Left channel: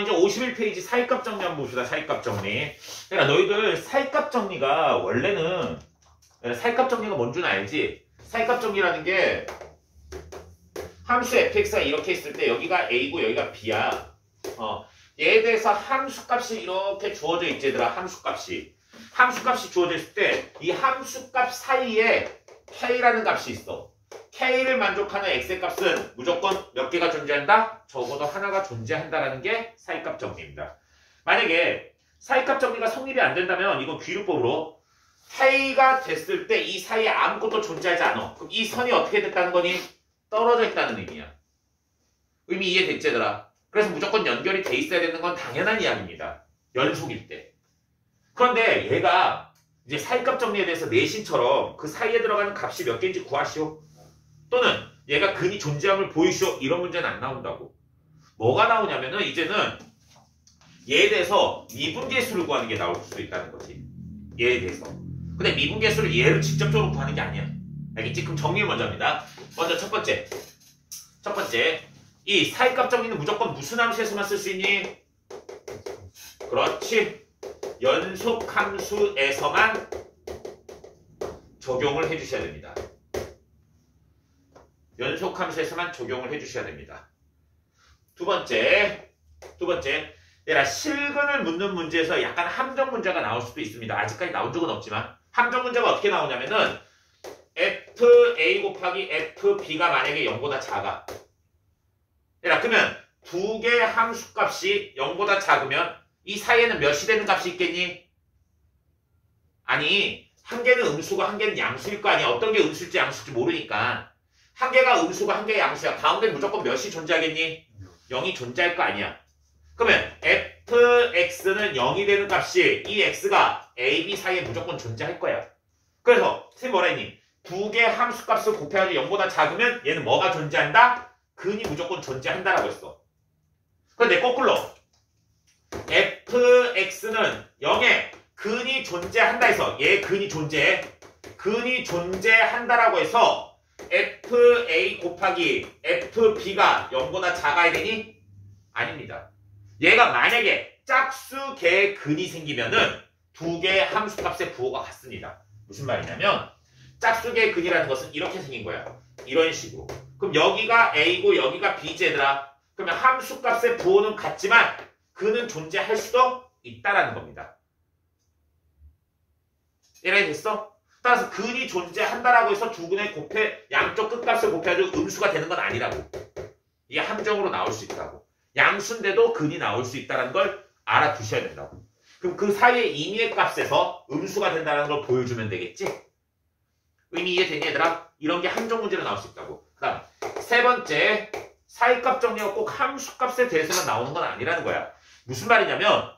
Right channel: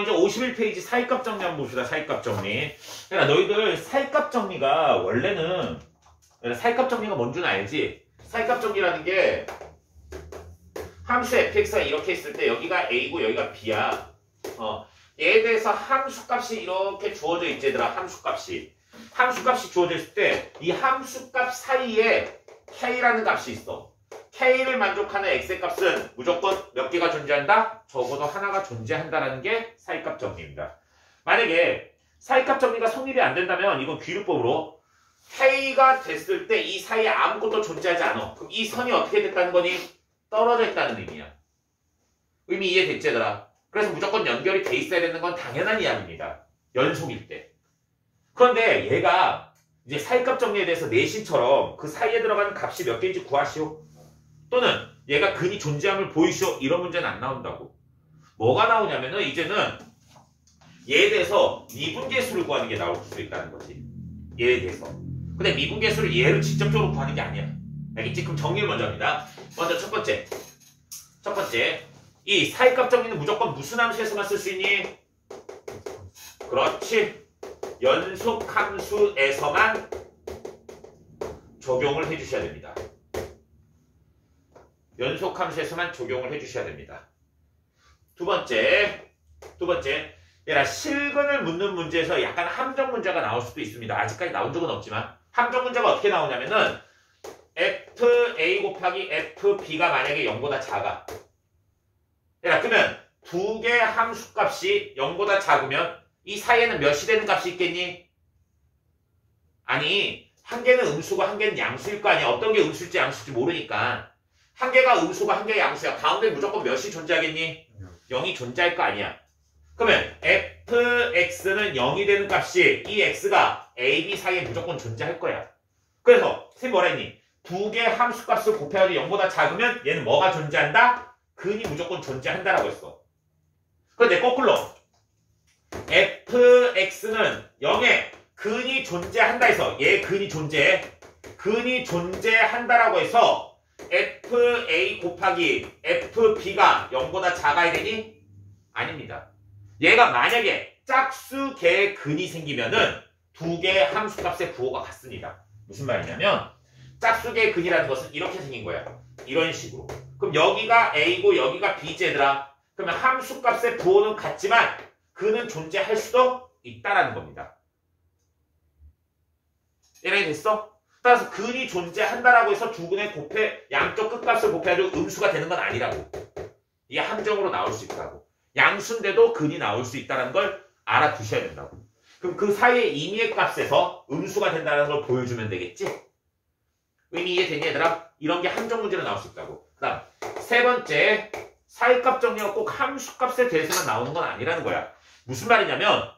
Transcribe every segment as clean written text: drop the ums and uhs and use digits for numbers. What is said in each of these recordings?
이제 51페이지 사이값 정리 한번 봅시다. 사이값 정리. 그러니까 너희들 사이값 정리가 원래는 사이값 정리가 뭔 줄 알지? 사이값 정리라는 게 함수 fx가 이렇게 있을 때 여기가 a고 여기가 b야. 얘에 대해서 함수값이 이렇게 주어져 있지 얘들아. 함수값이 주어져 있을 때 이 함수값 사이에 k라는 값이 있어. k를 만족하는 x의 값은 무조건 몇 개가 존재한다? 적어도 하나가 존재한다라는 게 사이값 정리입니다. 만약에 사이값 정리가 성립이 안 된다면 이건 귀류법으로 k가 됐을 때 이 사이에 아무것도 존재하지 않아. 그럼 이 선이 어떻게 됐다는 거니? 떨어져 있다는 의미야. 의미 이해됐지 얘들아? 그래서 무조건 연결이 돼 있어야 되는 건 당연한 이야기입니다. 연속일 때. 그런데 얘가 이제 사이값 정리에 대해서 내신처럼 그 사이에 들어가는 값이 몇 개인지 구하시오. 또는 얘가 근이 존재함을 보이시오. 이런 문제는 안 나온다고. 뭐가 나오냐면은 이제는 얘에 대해서 미분계수를 구하는 게 나올 수도 있다는 거지. 얘에 대해서. 근데 미분계수를 얘를 직접적으로 구하는 게 아니야. 알겠지? 그럼 정리를 먼저 합니다. 먼저 첫 번째. 이 사이값 정리는 무조건 무슨 함수에서만 쓸 수 있니? 그렇지. 연속함수에서만 적용을 해주셔야 됩니다. 연속함수에서만 적용을 해주셔야 됩니다. 두 번째. 얘라 실근을 묻는 문제에서 약간 함정 문제가 나올 수도 있습니다. 아직까지 나온 적은 없지만 함정 문제가 어떻게 나오냐면은 fa 곱하기 fb가 만약에 0보다 작아. 얘라 그러면 두 개의 함수값이 0보다 작으면 이 사이에는 몇이 되는 값이 있겠니? 아니 한 개는 음수고 한 개는 양수일 거 아니야. 어떤 게 음수일지 양수일지 모르니까 한 개가 음수고 한 개가 양수야. 가운데 무조건 몇이 존재하겠니? 0이 존재할 거 아니야. 그러면 fx는 0이 되는 값이 이 x가 a, b 사이에 무조건 존재할 거야. 그래서 선생님 뭐라 했니? 두 개 함수값을 곱해가지고 0보다 작으면 얘는 뭐가 존재한다? 근이 무조건 존재한다라고 했어. 그런데 거꾸로 fx는 0에 근이 존재한다 해서 얘 근이 존재한다라고 해서 fa 곱하기 fb가 0보다 작아야 되니? 아닙니다. 얘가 만약에 짝수개의 근이 생기면은 두 개의 함수값의 부호가 같습니다. 무슨 말이냐면 짝수개의 근이라는 것은 이렇게 생긴 거야. 이런 식으로. 그럼 여기가 a고 여기가 b지 얘들아. 그러면 함수값의 부호는 같지만 근은 존재할 수도 있다라는 겁니다. 이해가 됐어? 따라서 근이 존재한다라고 해서 두 근의 양쪽 끝값을 곱해가지고 음수가 되는 건 아니라고. 이게 함정으로 나올 수 있다고. 양수인데도 근이 나올 수 있다는 걸 알아두셔야 된다고. 그럼 그 사이의 임의의 값에서 음수가 된다는 걸 보여주면 되겠지? 의미 이해되니 얘들아? 이런 게 함정 문제로 나올 수 있다고. 그 다음 세 번째, 사이값 정리가 꼭 함수값에 대해서만 나오는 건 아니라는 거야. 무슨 말이냐면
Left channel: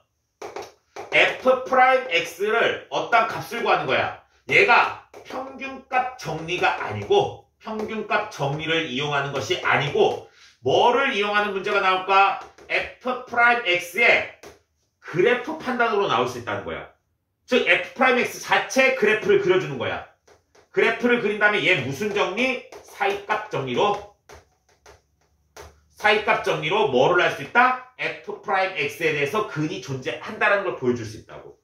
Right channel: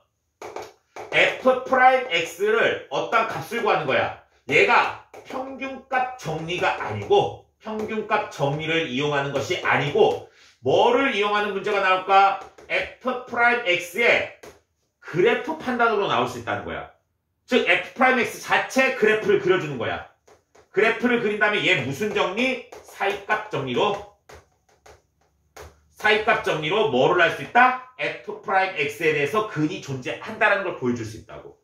f'x를 어떤 값을 구하는 거야. 얘가 평균값 정리가 아니고 평균값 정리를 이용하는 것이 아니고 뭐를 이용하는 문제가 나올까? f'x의 그래프 판단으로 나올 수 있다는 거야. 즉 f'x 자체 그래프를 그려주는 거야. 그래프를 그린 다음에 얘 무슨 정리? 사이값 정리로 뭐를 할 수 있다? f'x에 대해서 근이 존재한다는 걸 보여줄 수 있다고.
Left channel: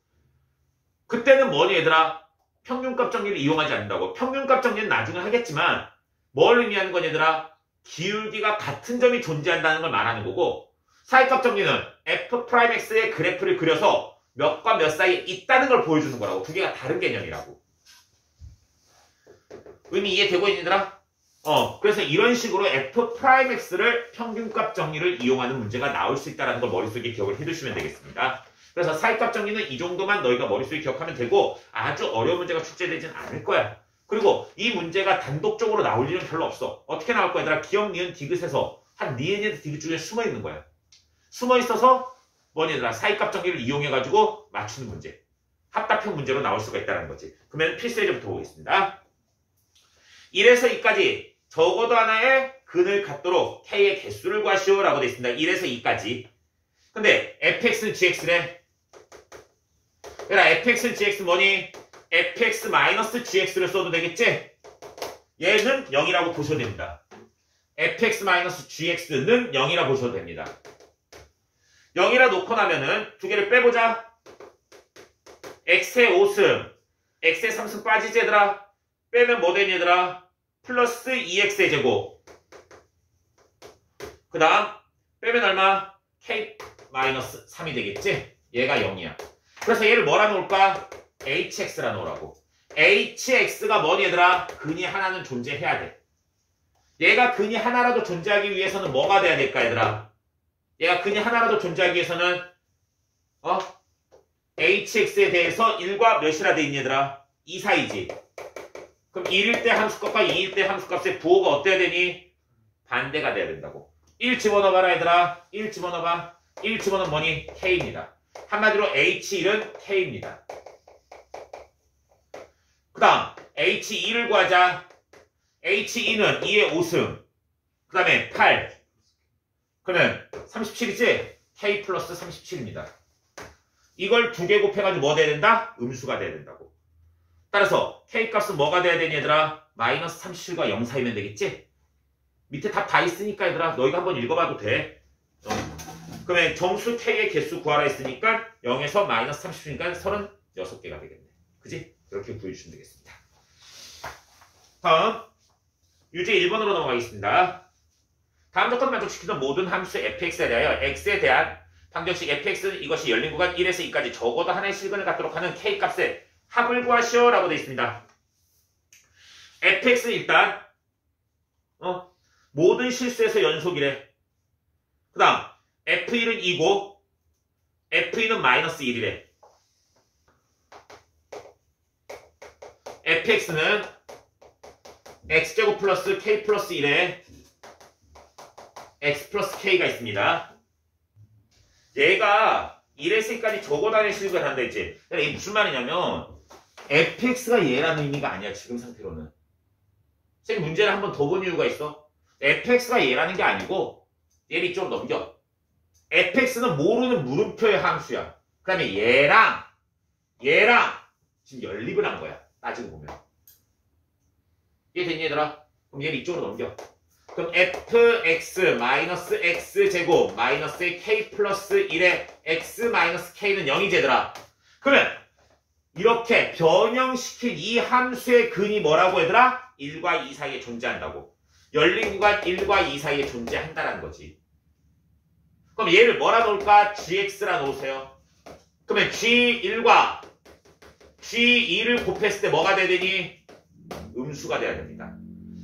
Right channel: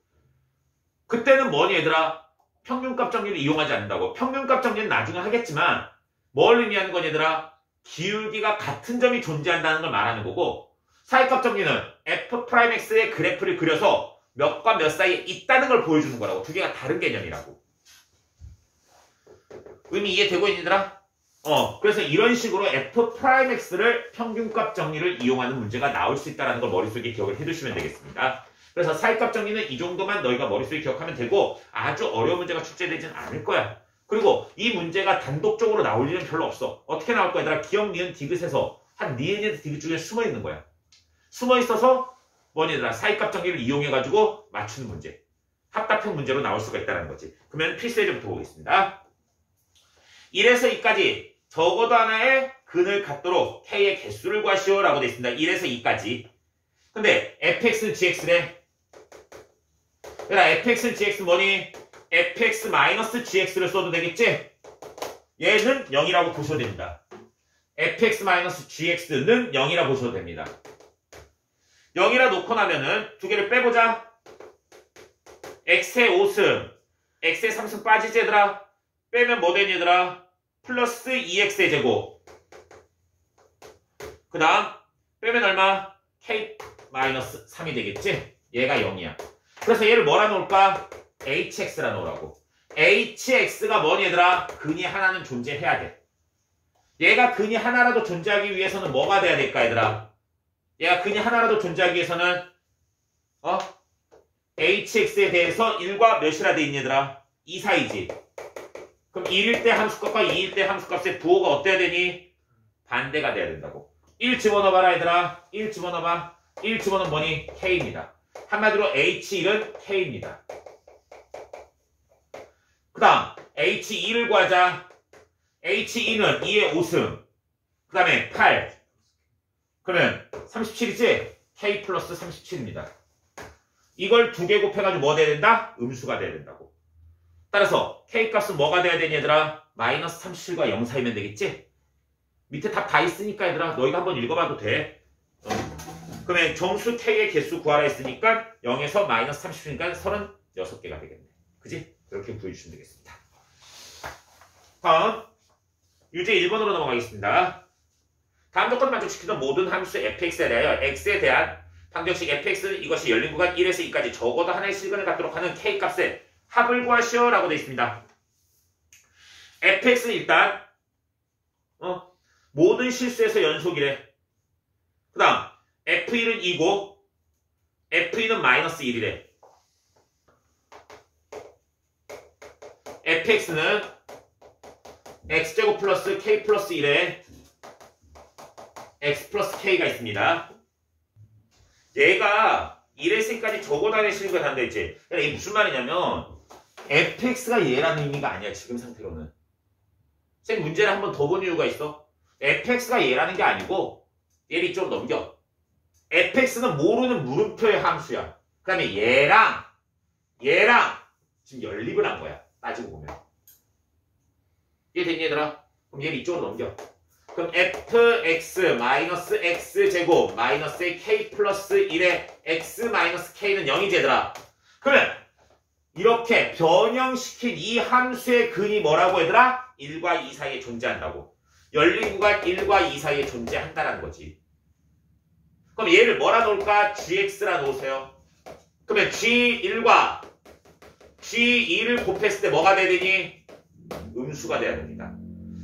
그때는 뭐니 얘들아? 평균값 정리를 이용하지 않는다고. 평균값 정리는 나중에 하겠지만 뭘 의미하는 거니 얘들아? 기울기가 같은 점이 존재한다는 걸 말하는 거고, 사이값 정리는 f'x의 그래프를 그려서 몇과 몇 사이에 있다는 걸 보여주는 거라고. 두 개가 다른 개념이라고. 의미 이해되고 있니 얘들아? 그래서 이런 식으로 f'x를 평균값 정리를 이용하는 문제가 나올 수 있다는 걸 머릿속에 기억을 해두시면 되겠습니다. 그래서 사이값 정리는 이 정도만 너희가 머릿속에 기억하면 되고 아주 어려운 문제가 출제되지는 않을 거야. 그리고 이 문제가 단독적으로 나올 일은 별로 없어. 어떻게 나올 거야 얘들아? 기억, 니은, 디귿에서 한 니은에서 디귿 중에 숨어 있는 거야. 숨어 있어서 뭐니 얘들아? 사이값 정리를 이용해가지고 맞추는 문제. 합답형 문제로 나올 수가 있다는 거지. 그러면 필수 예제부터 보겠습니다. 1에서 2까지 적어도 하나의 근을 갖도록 k의 개수를 구하시오 라고 되어 있습니다. 1에서 2까지. 근데 fx는 gx래. 얘들아 fx는 gx 뭐니? fx-gx를 써도 되겠지? 얘는 0이라고 보셔도 됩니다. fx-gx는 0이라고 보셔도 됩니다. 0이라 놓고 나면은 두 개를 빼보자. x의 5승, x의 3승 빠지지 얘들아. 빼면 뭐 되니 얘들아? 플러스 2x의 제곱. 그 다음 빼면 얼마? k-3이 되겠지? 얘가 0이야. 그래서 얘를 뭐라 놓을까? hx라 놓으라고. hx가 뭐니 얘들아? 근이 하나는 존재해야 돼. 얘가 근이 하나라도 존재하기 위해서는 뭐가 돼야 될까 얘들아? 얘가 근이 하나라도 존재하기 위해서는 hx에 대해서 1과 몇이라 돼 있니 얘들아? 2 사이지. 그럼 1일 때 함수값과 2일 때 함수값의 부호가 어때야 되니? 반대가 돼야 된다고. 1 집어넣어봐라 얘들아. 1 집어넣어봐. 1 집어넣으면 뭐니? k입니다. 한마디로 h1은 k입니다. 그 다음 h2를 구하자. h2는 2의 5승. 그 다음에 8. 그러면 37이지? k 플러스 37입니다. 이걸 두 개 곱해가지고 뭐 돼야 된다? 음수가 돼야 된다고. 따라서 k값은 뭐가 돼야 되니 얘들아? 마이너스 37과 0 사이면 되겠지? 밑에 답 다 있으니까 얘들아 너희가 한번 읽어봐도 돼. 그러면 정수 k의 개수 구하라 했으니까 0에서 마이너스 37이니까 36개가 되겠네. 그지? 이렇게 구해주시면 되겠습니다. 다음 유제 1번으로 넘어가겠습니다. 다음 조건 만족시키는 모든 함수 fx에 대하여 x에 대한 방정식 fx는 이것이 열린 구간 1에서 2까지 적어도 하나의 실근을 갖도록 하는 k값의 합을 구하시오 라고 되어 있습니다. fx는 일단 모든 실수에서 연속이래. 그 다음 f1은 2고 f2는 마이너스 1이래. fx는 x제곱 플러스 k 플러스 1에 x 플러스 k가 있습니다. 얘가 1에서 2까지 적어도 하나의 실근을 한다 했지. 그러니까 이게 무슨 말이냐면 fx가 얘라는 의미가 아니야. 지금 상태로는. 쌤 문제를 한 번 더 본 이유가 있어. fx가 얘라는 게 아니고 얘를 이쪽으로 넘겨. fx는 모르는 물음표의 함수야. 그 다음에 얘랑 지금 연립을 한 거야. 따지고 보면. 이해되니 얘들아? 그럼 얘를 이쪽으로 넘겨. 그럼 fx 마이너스 x제곱 마이너스 k 플러스 1의 x 마이너스 k는 0이지 얘들아. 그러면 이렇게 변형시킨 이 함수의 근이 뭐라고 얘들아? 1과 2 사이에 존재한다고. 열린 구간 1과 2 사이에 존재한다는 거지. 그럼 얘를 뭐라 놓을까? gx라 놓으세요. 그러면 g1과 g2를 곱했을 때 뭐가 돼야 되니? 음수가 돼야 됩니다.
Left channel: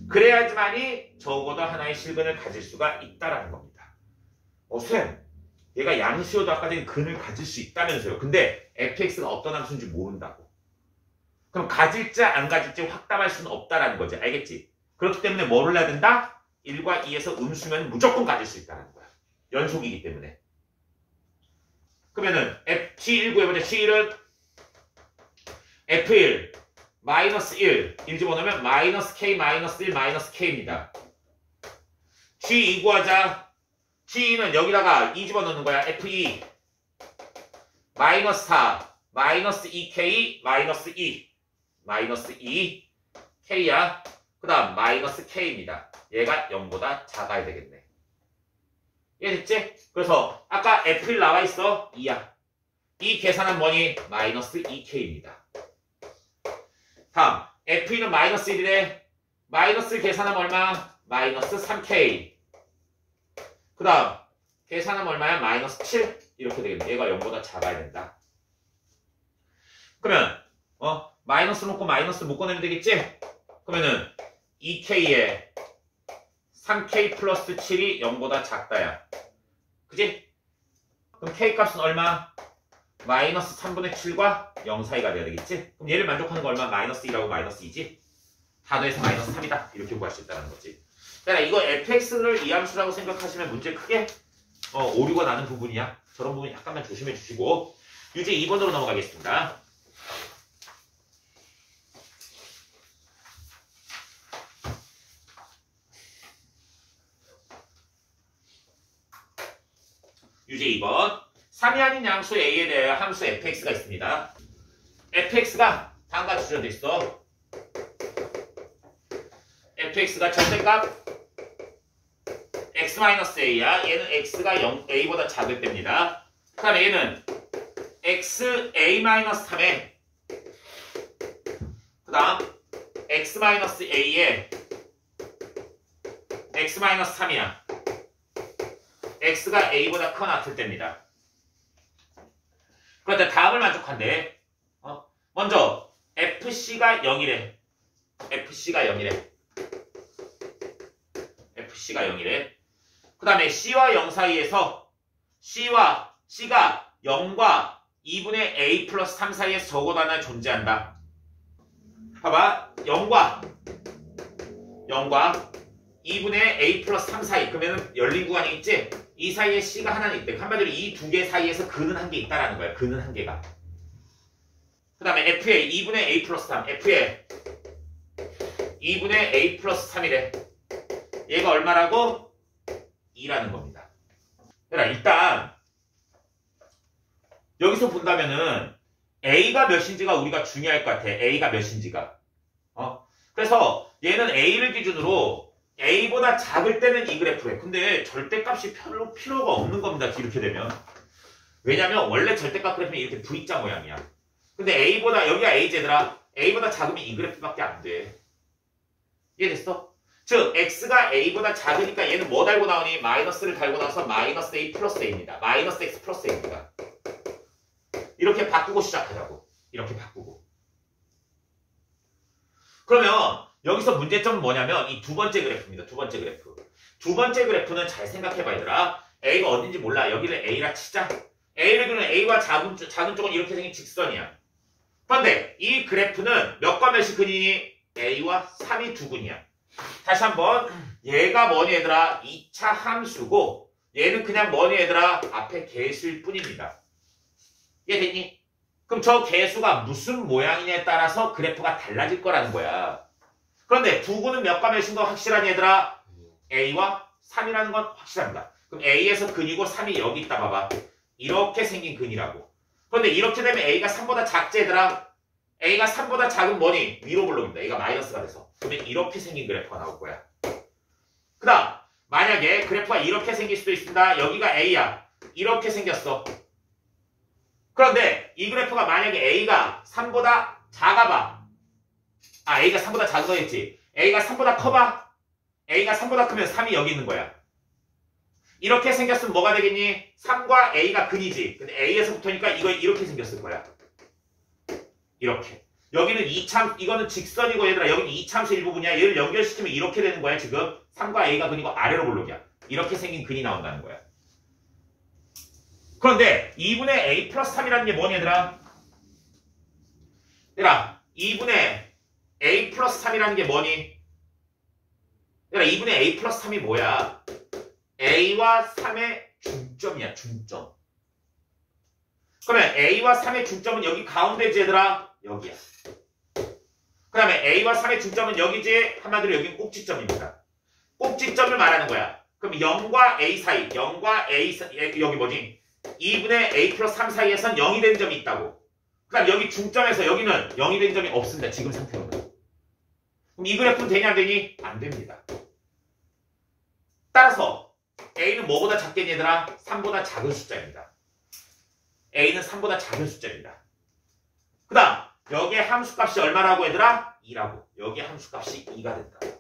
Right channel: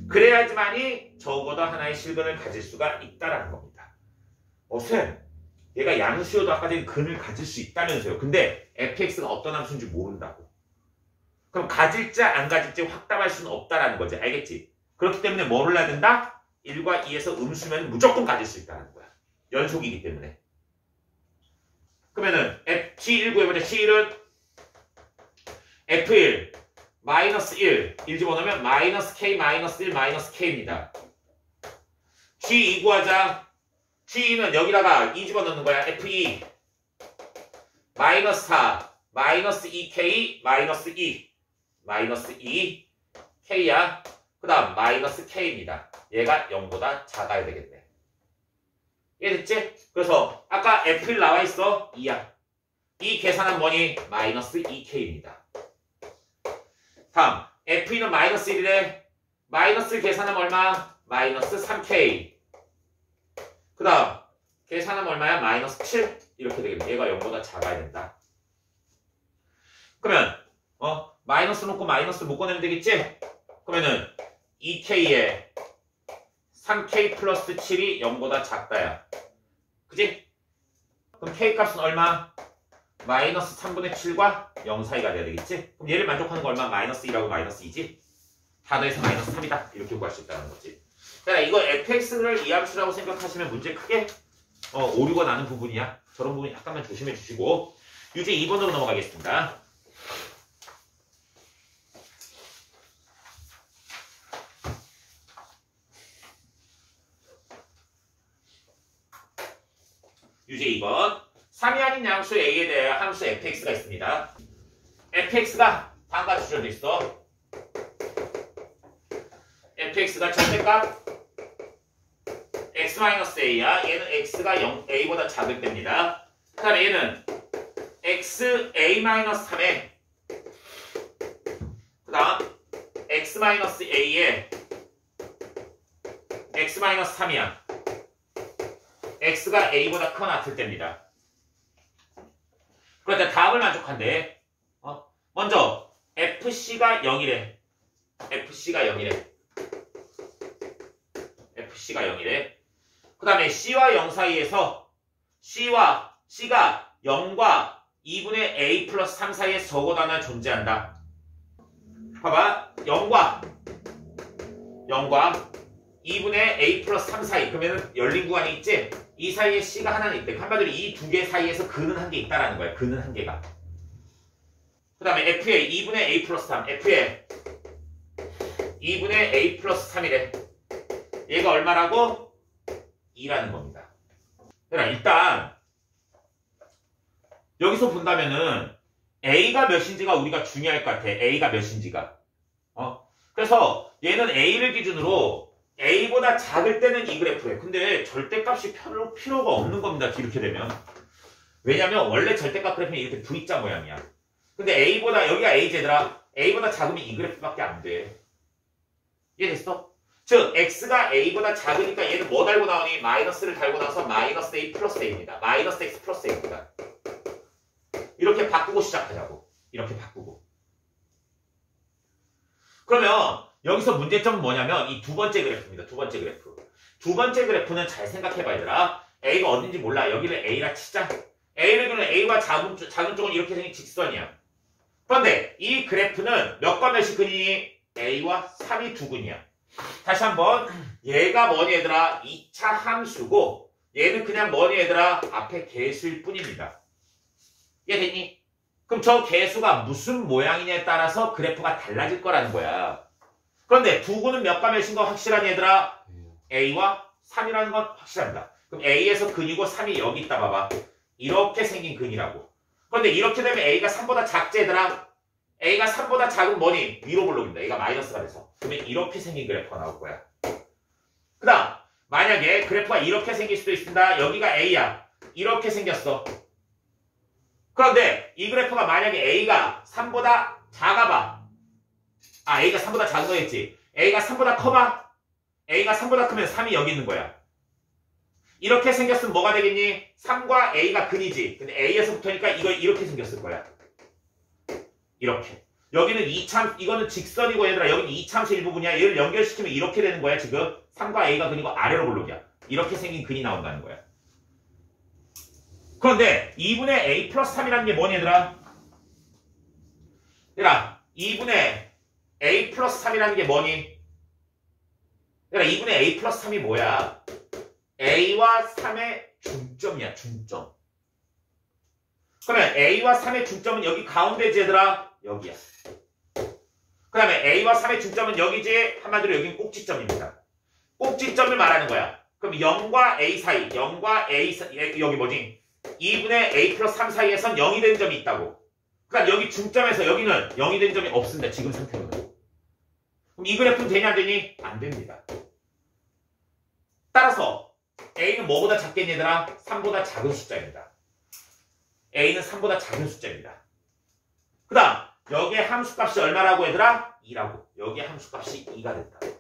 그래야지만이 적어도 하나의 실근을 가질 수가 있다라는 겁니다. 쌤, 얘가 양수여도 아까 전에 근을 가질 수 있다면서요. 근데 fx가 어떤 함수인지 모른다고. 그럼 가질지 안 가질지 확답할 수는 없다라는 거지. 알겠지? 그렇기 때문에 뭐를 해야 된다? 1과 2에서 음수면 무조건 가질 수 있다는 거야. 연속이기 때문에. 그러면은 G1 구해보자. G1은 F1 마이너스 1 집어넣으면 마이너스 K 마이너스 1 마이너스 K입니다. G2 구하자. G2는 여기다가 2 집어넣는 거야. F2 마이너스 4 마이너스 2K 마이너스 2 마이너스 2 K야. 그 다음 마이너스 K입니다. 얘가 0보다 작아야 되겠네. 이해됐지? 그래서 아까 F1 나와있어. 2야. 이 계산은 뭐니? 마이너스 2K입니다. 다음 F2는 마이너스 1이래. 마이너스 계산하면 얼마? 마이너스 3K. 그 다음 계산하면 얼마야? 마이너스 7. 이렇게 되겠네. 얘가 0보다 작아야 된다. 그러면 마이너스 놓고 마이너스 묶어내면 되겠지? 그러면은 2K에 3K 플러스 7이 0보다 작다야. 그지? 그럼 K값은 얼마? 마이너스 3분의 7과 0 사이가 돼야 되겠지? 그럼 얘를 만족하는 거 얼마? 마이너스 1하고 마이너스 2지? 다 더해서 마이너스 3이다. 이렇게 구할 수 있다는 거지. 그러니까 이거 fx를 이함수라고 생각하시면 문제 크게 오류가 나는 부분이야. 저런 부분 약간만 조심해 주시고 유제 2번으로 넘어가겠습니다. 유제 2번 3이 아닌 양수 A에 대해 함수 fx가 있습니다. fx가 다음과 주어져 있어. fx가 절대값 x-a야. 얘는 x가 0, a보다 작을 때입니다. 그 다음에 얘는 xa-3에 그 다음 x-a에 x-3이야. x가 a보다 크거나 같을 때입니다. 그런데 다음을 만족한대. 먼저 fc가 0이래. fc가 0이래. fc가 0이래. 그 다음에 c와 0 사이에서 c가 0과 2분의 a 플러스 3 사이에 적어도 하나 존재한다. 봐봐. 0과 2분의 a 플러스 3 사이. 그러면 열린 구간이 있지? 이 사이에 c가 하나는 있대. 한마디로 이 두 개 사이에서 근은 한 개 있다라는 거야. 근은 한 개가. 그 다음에 f의 2분의 a 플러스 3. f의 2분의 a 플러스 3이래. 얘가 얼마라고? 2라는 겁니다. 일단 여기서 본다면은 a가 몇인지가 우리가 중요할 것 같아. a가 몇인지가. 그래서 얘는 a를 기준으로 a보다 작을 때는 이 그래프래. 근데 절대값이 별로 필요가 없는 겁니다. 이렇게 되면. 왜냐면 원래 절대값 그래프는 이렇게 V자 모양이야. 근데 a보다 여기가 a제들아. a보다 작으면 이 그래프밖에 안 돼. 이해됐어? 즉 x가 a보다 작으니까 얘는 뭐 달고 나오니? 마이너스를 달고 나와서 마이너스 a 플러스 a입니다. 마이너스 x 플러스 a입니다. 이렇게 바꾸고 시작하자고. 이렇게 바꾸고. 그러면 여기서 문제점은 뭐냐면 이 두 번째 그래프입니다. 두 번째 그래프. 두 번째 그래프는 잘 생각해봐 얘들아. a가 어딘지 몰라. 여기를 a라 치자. a를 그는 a와 작은 쪽은 이렇게 생긴 직선이야. 그런데 이 그래프는 몇과 몇이 근이니? a와 3이 두 근이야. 다시 한번 얘가 뭐니 얘들아? 2차 함수고 얘는 그냥 뭐니 얘들아? 앞에 개수일 뿐입니다. 이해됐니? 그럼 저 개수가 무슨 모양이냐에 따라서 그래프가 달라질 거라는 거야. 그런데 두 근은 몇과 몇인 거 확실하니 얘들아? a와 3이라는 건 확실합니다. 그럼 a에서 근이고 3이 여기 있다 봐봐. 이렇게 생긴 근이라고. 그런데 이렇게 되면 a가 3보다 작지 얘들아? a가 3보다 작은 뭐니? 위로 볼록입니다. a가 마이너스가 돼서. 그러면 이렇게 생긴 그래프가 나올 거야. 그 다음 만약에 그래프가 이렇게 생길 수도 있습니다. 여기가 a야. 이렇게 생겼어. 그런데 이 그래프가 만약에 a가 3보다 작아봐. a가 3보다 작은 거겠지. a가 3보다 커봐. a가 3보다 크면 3이 여기 있는 거야. 이렇게 생겼으면 뭐가 되겠니? 3과 a가 근이지. 근데 a에서부터니까 이거 이렇게 생겼을 거야. 이렇게. 여기는 이거는 직선이고 얘들아. 여기는 이차함수 일부분이야. 얘를 연결시키면 이렇게 되는 거야. 지금 3과 a가 근이고 아래로 볼록이야. 이렇게 생긴 근이 나온다는 거야. 그런데 2분의 a 플러스 3이라는 게 뭐니 얘들아? 얘들아 2분의 a 플러스 3이라는 게 뭐니? 얘들아 2분의 a 플러스 3이 뭐야? a와 3의 중점이야. 중점. 그러면 a와 3의 중점은 여기 가운데지 얘들아? 여기야. 그 다음에 a와 3의 중점은 여기지? 한마디로 여기는 꼭지점입니다. 꼭지점을 말하는 거야. 그럼 0과 a 사이, 0과 a 사이, 여기 뭐지? 2분의 a 플러스 3 사이에선 0이 된 점이 있다고. 그러니까 여기 중점에서 여기는 0이 된 점이 없습니다. 지금 상태로는. 그럼 이 그래프는 되냐 안 되니? 안 됩니다. 따라서 a는 뭐보다 작겠니 얘들아? 3보다 작은 숫자입니다. a는 3보다 작은 숫자입니다. 그 다음 여기에 함수값이 얼마라고 얘들아? 2라고. 여기에 함수값이 2가 됐다.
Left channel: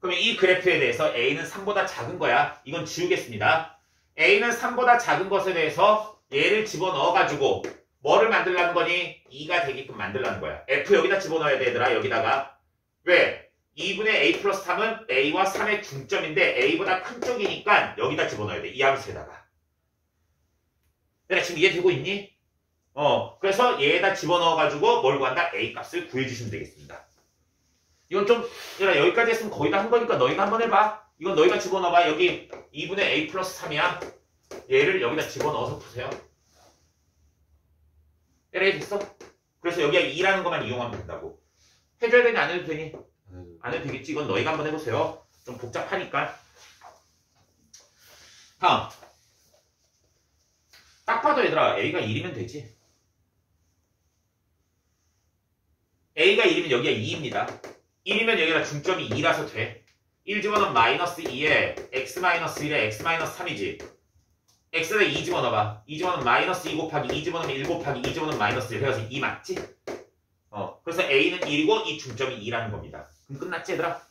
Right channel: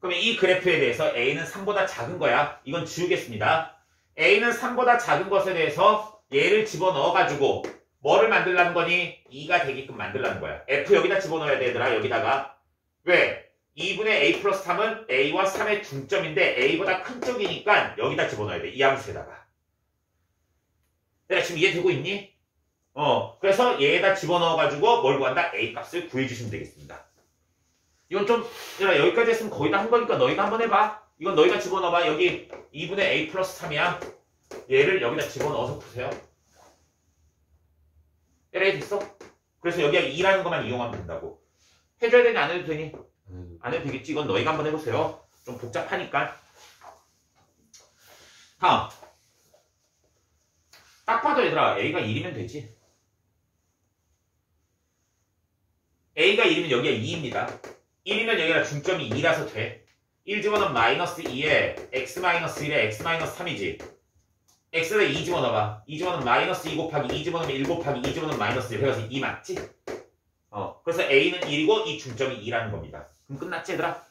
그러면 이 그래프에 대해서 a는 3보다 작은 거야. 이건 지우겠습니다. a는 3보다 작은 것에 대해서 얘를 집어넣어가지고 뭐를 만들라는 거니? 2가 되게끔 만들라는 거야. f 여기다 집어넣어야 돼 얘들아. 여기다가. 왜? 2분의 a 플러스 3은 a와 3의 중점인데 a보다 큰 쪽이니까 여기다 집어넣어야 돼. 이 함수에다가. 내가 지금 이해되고 있니? 그래서 얘에다 집어넣어가지고 뭘 구한다? a 값을 구해주시면 되겠습니다. 이건 좀 여기까지 했으면 거의 다 한 거니까 너희가 한번 해봐. 이건 너희가 집어넣어봐. 여기 2분의 a 플러스 3이야. 얘를 여기다 집어넣어서 푸세요. LA 됐어? 그래서 여기가 2라는 것만 이용하면 된다고. 해줘야 되니 안 해도 되니? 안 해도 되겠지. 이건 너희가 한번 해보세요. 좀 복잡하니까. 다음. 딱 봐도 얘들아 a가 1이면 되지. a가 1이면 여기가 2입니다. 1이면 여기가 중점이 2라서 돼. 1 집어넣으면 마이너스 2에 x 마이너스 1에 x 마이너스 3이지. x에 2 집어넣어봐. 2 집어넣으면 마이너스 2 곱하기 2 집어넣으면 1 곱하기 2 집어넣으면 마이너스 1 해서 2 맞지? 그래서 a는 1이고 이 중점이 2라는 겁니다. 그럼 끝났지 얘들아?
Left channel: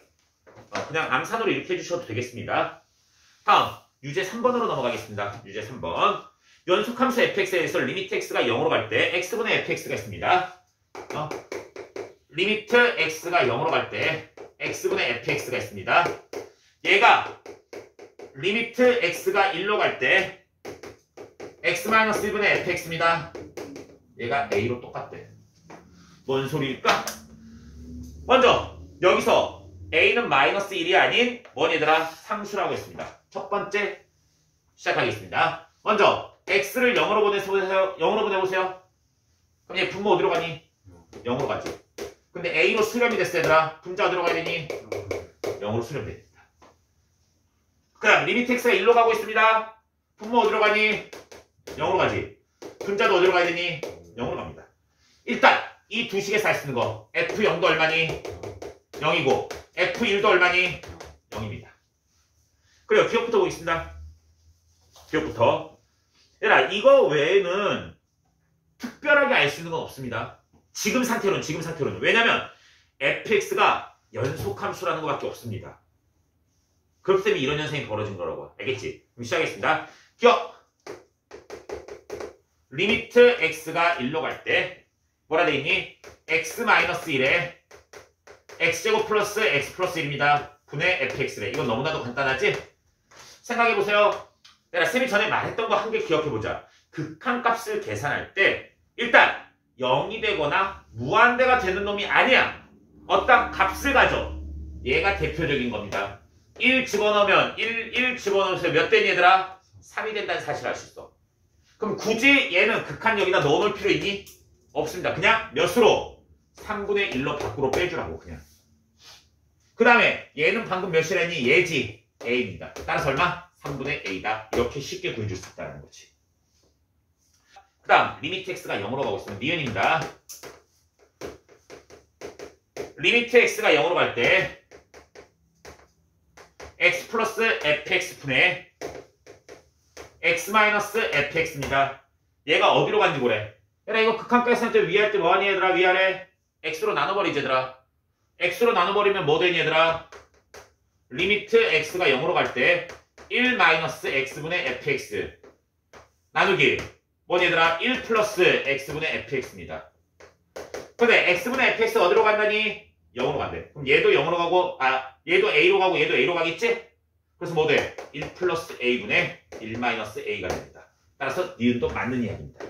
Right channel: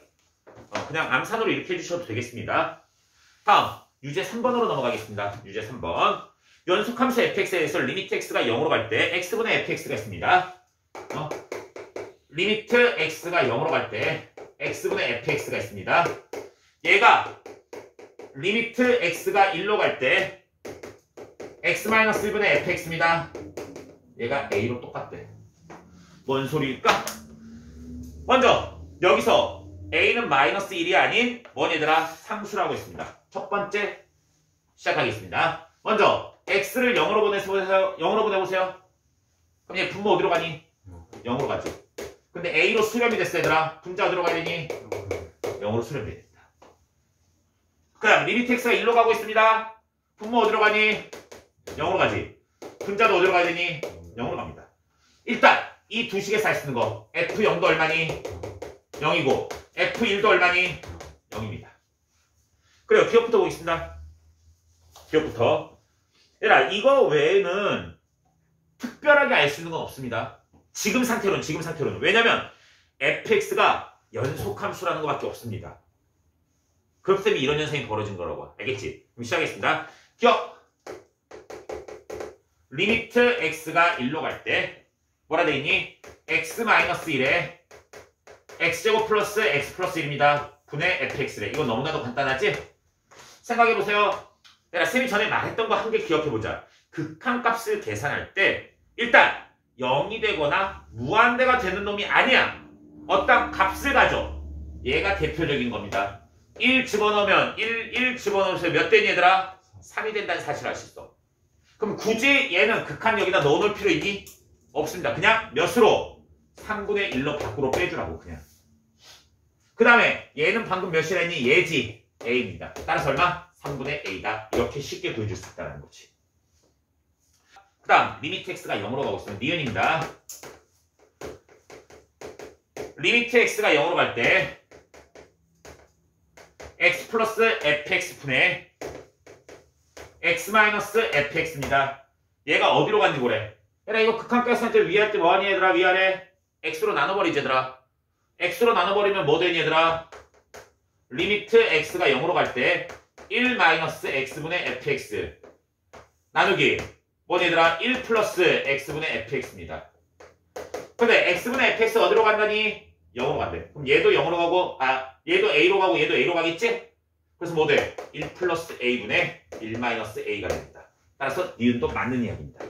그냥 암산으로 이렇게 해주셔도 되겠습니다. 다음 유제 3번으로 넘어가겠습니다. 유제 3번. 연속함수 fx에 대해서 리미트 x가 0으로 갈 때 x분의 fx가 있습니다. 리미트 x가 0으로 갈 때 x분의 fx가 있습니다. 얘가 리미트 x가 1로 갈 때 x-1분의 fx입니다. 얘가 a로 똑같대. 뭔 소리일까? 먼저 여기서 a는 마이너스 1이 아닌 뭐니 얘들아? 상수라고 했습니다. 첫 번째 시작하겠습니다. 먼저 x를 0으로 보내보세요. 0으로 보내보세요. 그럼 얘 분모 어디로 가니? 0으로 가지. 근데 a로 수렴이 됐어 얘들아. 분자 어디로 가야 되니? 0으로 수렴이 됩니다. 그럼 리미트 x가 1로 가고 있습니다. 분모 어디로 가니? 0으로 가지. 분자도 어디로 가야 되니? 0으로 갑니다. 일단 이 두 식에 살 수 있는 거 f0도 얼마니? 0이고 f1도 얼마니? 0입니다. 그래요. 기억부터 보겠습니다. 기억부터. 얘들아 이거 외에는 특별하게 알 수 있는 건 없습니다. 지금 상태로는. 왜냐면 fx가 연속함수라는 것밖에 없습니다. 그렇기 때문에 이런 현상이 벌어진 거라고. 알겠지? 그럼 시작하겠습니다. 기억! 리미트 x가 1로 갈 때 뭐라 돼 있니? x-1에 x제곱 플러스 x 플러스 1입니다. 분의 fx래. 이건 너무나도 간단하지? 생각해보세요. 내가 쌤이 전에 말했던 거 한 개 기억해보자. 극한값을 계산할 때 일단 0이 되거나 무한대가 되는 놈이 아니야. 어떤 값을 가져. 얘가 대표적인 겁니다. 1 집어넣으면 1 집어넣으면 몇 되니 얘들아? 3이 된다는 사실을 알 수 있어. 그럼 굳이 얘는 극한 여기다 넣어놓을 필요 있니? 없습니다. 그냥 몇으로? 3분의 1로 밖으로 빼주라고 그냥. 그 다음에 얘는 방금 몇이라니? 얘지. a입니다. 따라서 얼마? 3분의 a다. 이렇게 쉽게 구해줄 수 있다는 거지. 그 다음 리미트 x가 0으로 가고 있으면 니은입니다. 리미트 x가 0으로 갈 때 x 플러스 fx분의 x-fx입니다. 얘가 어디로 간지 보래. 얘들아 이거 극한까지 쓸 때 위할 때 뭐하니 얘들아? 위아래 x로 나눠버리지 얘들아. x로 나눠버리면 뭐 되니 얘들아? 리미트 x가 0으로 갈 때 1-x분의 fx 나누기 뭐니 얘들아? 1 플러스 x분의 fx입니다. 근데 x분의 fx 어디로 간다니? 0으로 간대. 그럼 얘도 0으로 가고 얘도 a로 가고 얘도 a로 가겠지? 그래서 뭐 돼? 1 플러스 a분의 1-a가 됩니다. 따라서 니은도 맞는 이야기입니다.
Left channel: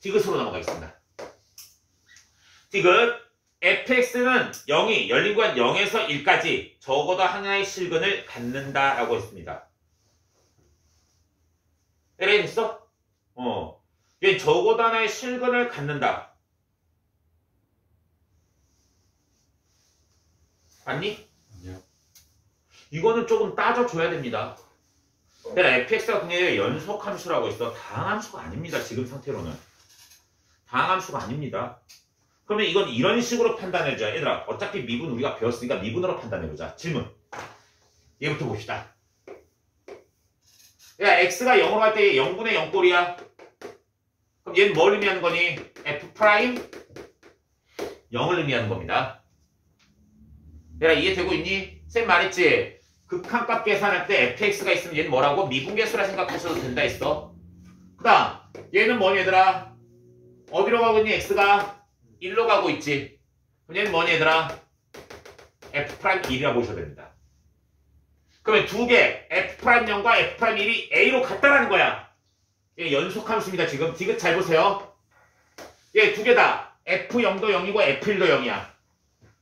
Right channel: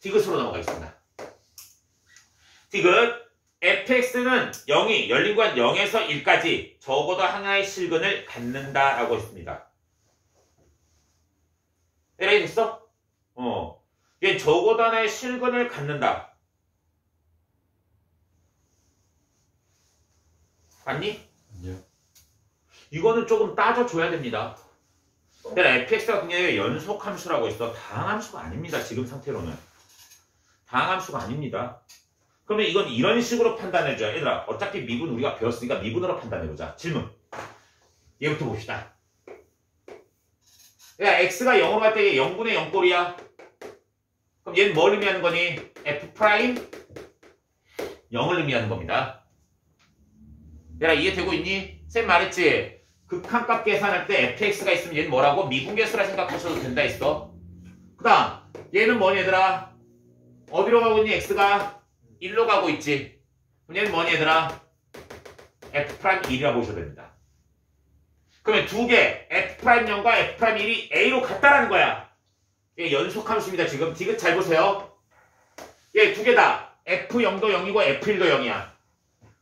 디귿으로 넘어가겠습니다. 디귿 fx는 0이 열린 구간 0에서 1까지 적어도 하나의 실근을 갖는다라고 했습니다. 에라이 됐어? 얘 적어도 하나의 실근을 갖는다. 맞니? 아니요. 이거는 조금 따져줘야 됩니다. 내가 fx가 굉장히 연속함수라고 했어. 다항함수가 아닙니다. 지금 상태로는. 다항함수가 아닙니다. 그러면 이건 이런 식으로 판단해줘야. 얘들아 어차피 미분 우리가 배웠으니까 미분으로 판단해보자. 질문. 얘부터 봅시다. 야 x가 0으로 갈 때 0분의 0꼴이야. 그럼 얘는 뭘 의미하는 거니? f 프라임 0을 의미하는 겁니다. 얘들아 이해되고 있니? 쌤 말했지? 극한값 계산할 때 fx가 있으면 얘는 뭐라고? 미분계수라 생각하셔도 된다 했어. 그 다음 얘는 뭐니 얘들아? 어디로 가고 있니? x가 1로 가고 있지. 그럼 얘는 뭐니 얘들아? f'1이라고 보셔도 됩니다. 그러면 두 개 f'0과 f'1이 a로 같다라는 거야. 얘 연속함수입니다. 지금 디귿 잘 보세요. 얘 두 개 다 f0도 0이고 f1도 0이야.